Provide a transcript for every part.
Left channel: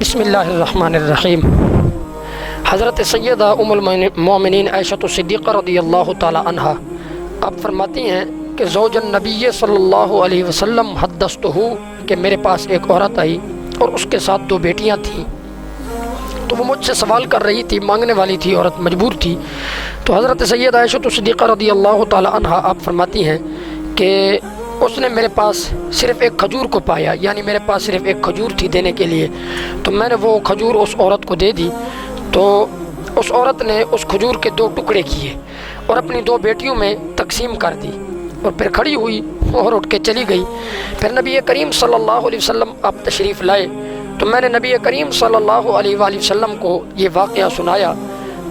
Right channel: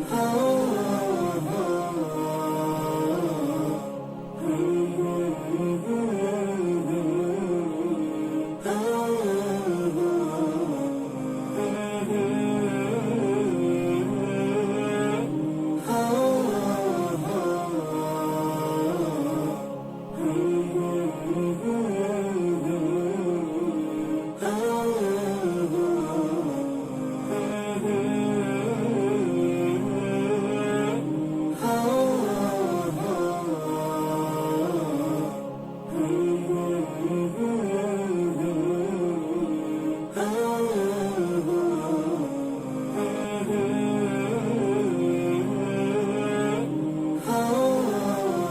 بسم اللہ الرحمن الرحیم۔ حضرت سیدہ ام المومنین عائشہ صدیقہ رضی اللہ تعالی عنہا آپ فرماتی ہیں کہ زوج النبی صلی اللہ علیہ وسلم حدثتہ کہ میرے پاس ایک عورت آئی اور اس کے ساتھ 2 بیٹیاں تھیں، تو وہ مجھ سے سوال کر رہی تھی، مانگنے والی تھی، عورت مجبور تھی۔ تو حضرت سیدہ عائشہ صدیقہ رضی اللہ تعالی عنہا آپ فرماتی ہیں کہ اس نے میرے پاس صرف ایک کھجور کو پایا، یعنی میرے پاس صرف ایک کھجور تھی دینے کے لیے، تو میں نے وہ کھجور اس عورت کو دے دی۔ تو اس عورت نے اس کھجور کے 2 ٹکڑے کیے اور اپنی 2 بیٹیوں میں تقسیم کر دی اور پھر کھڑی ہوئی اور اٹھ کے چلی گئی۔ پھر نبی کریم صلی اللہ علیہ وسلم آپ تشریف لائے، تو میں نے نبی کریم صلی اللہ علیہ وآلہ وسلم کو یہ واقعہ سنایا،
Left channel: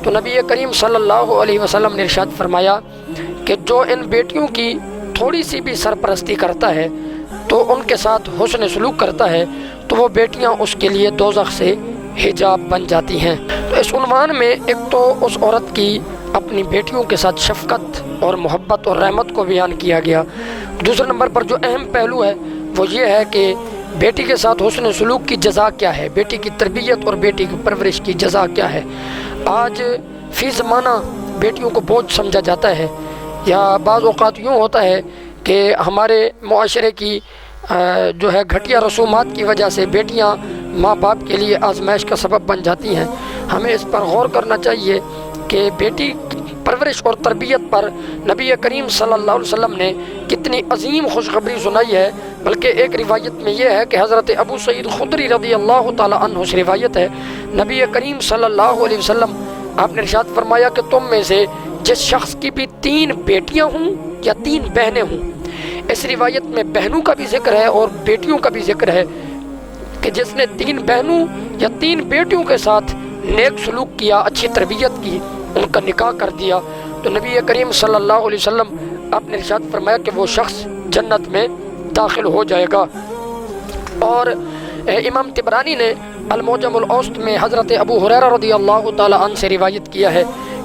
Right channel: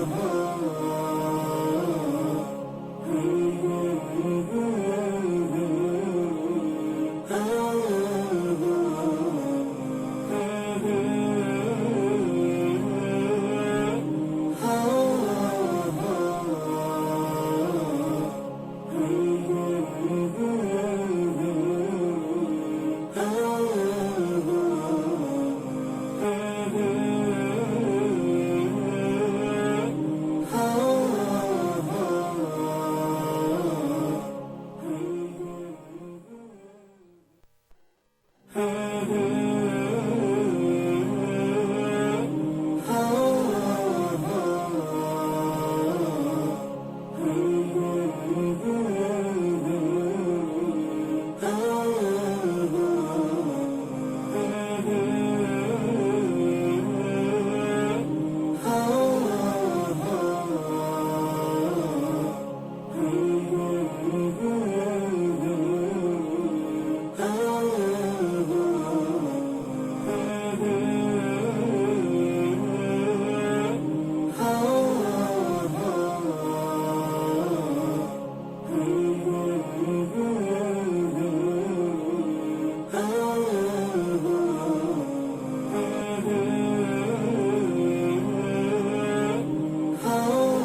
تو نبی کریم صلی اللہ علیہ وسلم نے ارشاد فرمایا کہ جو ان بیٹیوں کی تھوڑی سی بھی سرپرستی کرتا ہے تو ان کے ساتھ حسن سلوک کرتا ہے تو وہ بیٹیاں اس کے لیے دوزخ سے حجاب بن جاتی ہیں۔ تو اس عنوان میں ایک تو اس عورت کی اپنی بیٹیوں کے ساتھ شفقت اور محبت اور رحمت کو بیان کیا گیا۔ دوسرے نمبر پر جو اہم پہلو ہے وہ یہ ہے کہ بیٹی کے ساتھ حسن سلوک کی جزا کیا ہے، بیٹی کی تربیت اور بیٹی کی پرورش کی جزا کیا ہے۔ آج فی زمانہ بیٹیوں کو بوجھ سمجھا جاتا ہے، یا بعض اوقات یوں ہوتا ہے کہ ہمارے معاشرے کی جو ہے گھٹیا رسومات کی وجہ سے بیٹیاں ماں باپ کے لیے آزمائش کا سبب بن جاتی ہیں۔ ہمیں اس پر غور کرنا چاہیے کہ بیٹی پرورش اور تربیت پر نبی کریم صلی اللہ علیہ وسلم نے کتنی عظیم خوشخبری سنائی ہے۔ بلکہ ایک روایت میں یہ ہے کہ حضرت ابو سعید خدری رضی اللہ تعالی عنہ سے روایت ہے، نبی کریم صلی اللہ علیہ وسلم آپ نے ارشاد فرمایا کہ تم میں سے جس شخص کی بھی 3 بیٹیاں ہوں یا 3 بہنیں ہوں، اس روایت میں بہنوں کا بھی ذکر ہے اور بیٹیوں کا بھی ذکر ہے، کہ جس نے 3 بہنوں یا 3 بیٹیوں کے ساتھ نیک سلوک کیا، اچھی تربیت کی، ان کا نکاح کر دیا، تو نبی کریم صلی اللہ علیہ وسلم آپ نے ارشاد فرمایا کہ وہ شخص جنت میں داخل ہو جائے گا۔ اور امام طبرانی نے المعجم الاوسط میں حضرت ابو ہریرہ رضی اللہ تعالی عنہ سے روایت کیا ہے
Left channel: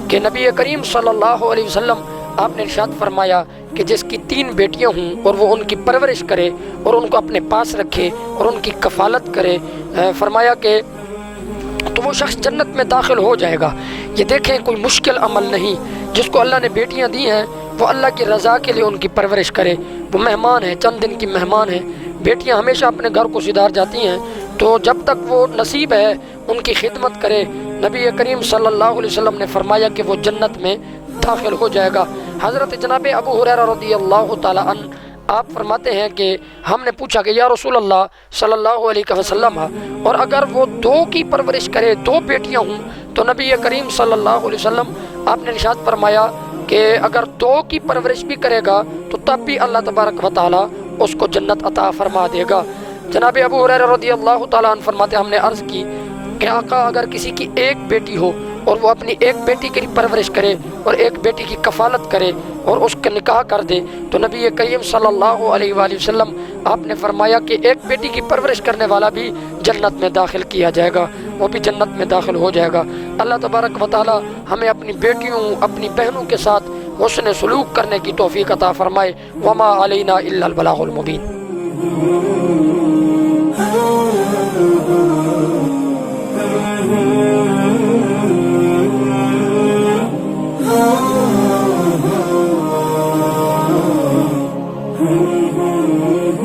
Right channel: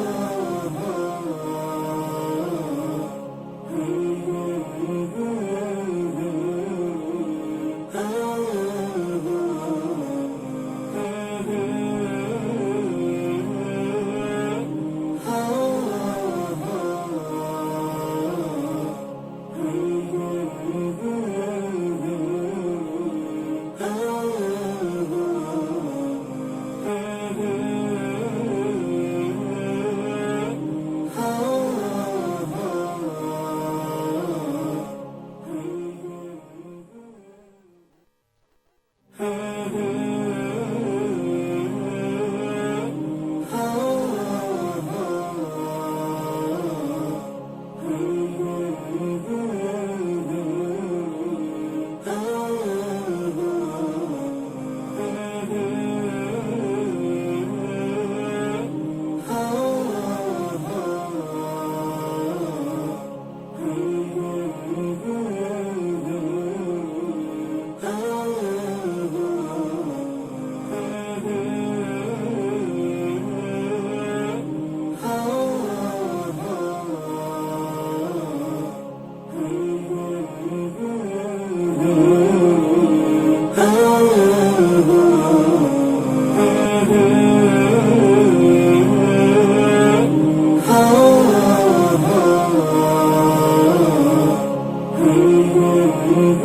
کہ نبی کریم صلی اللہ علیہ وسلم آپ نے ارشاد فرمایا کہ جس کی 3 بیٹیاں ہوں اور وہ ان کی پرورش کرے اور ان کو اپنے پاس رکھے اور ان کی کفالت کرے، فرمایا کہ تو وہ شخص جنت میں داخل ہو جائے گا۔ یہ دیکھیں کوئی مشکل عمل نہیں، جس کو اللہ نے بیٹیاں دی ہیں وہ اللہ کی رضا کے لیے ان کی پرورش کرے۔ وہ مہمان ہیں، چند دن کی مہمان ہیں، بیٹیاں ہمیشہ اپنے گھر کو سدھار جاتی ہیں، تو جب تک وہ نصیب ہے ان کی خدمت کرے۔ نبی کریم صلی اللہ علیہ وسلم نے فرمایا کہ وہ جنت میں داخل ہو جائے گا۔ حضرت جناب ابو ہریرہ رضی اللہ تعالی عنہ آپ فرماتے ہیں کہ ہم نے پوچھا کہ یا رسول اللہ صلی اللہ علیہ وسلم، اور اگر وہ 2 کی پرورش کرے، 2 بیٹیاں ہوں، تو نبی کریم صلی اللہ علیہ وسلم آپ نے ارشاد فرمایا کہ اگر 2 کی پرورش بھی کرے گا تو تب بھی اللہ تبارک و تعالی اس کو جنت عطا فرما دے گا۔ جناب ابو ہریرہ رضی اللہ تعالیٰ عنہ فرماتے ہم نے عرض کی کہ آقا اگر کسی کی 1 بیٹی ہو اور وہ اپنی 1 بیٹی کی پرورش کرے اور 1 بیٹی کی کفالت کرے اور اس کا نکاح کر دے، تو نبی کریم صلی اللہ علیہ وآلہ وسلم آپ نے فرمایا کہ 1 بیٹی کی پرورش کرنے والا بھی جنت میں داخل کیا جائے گا، وہ بھی جنت میں داخل ہو جائے گا۔ اللہ تبارک و تعالی ہمیں اپنی بیٹیوں، اپنی بہنوں کے ساتھ حسن سلوک کرنے کی توفیق عطا فرمائے۔ وما علینا الا البلاغ المبین۔ Oh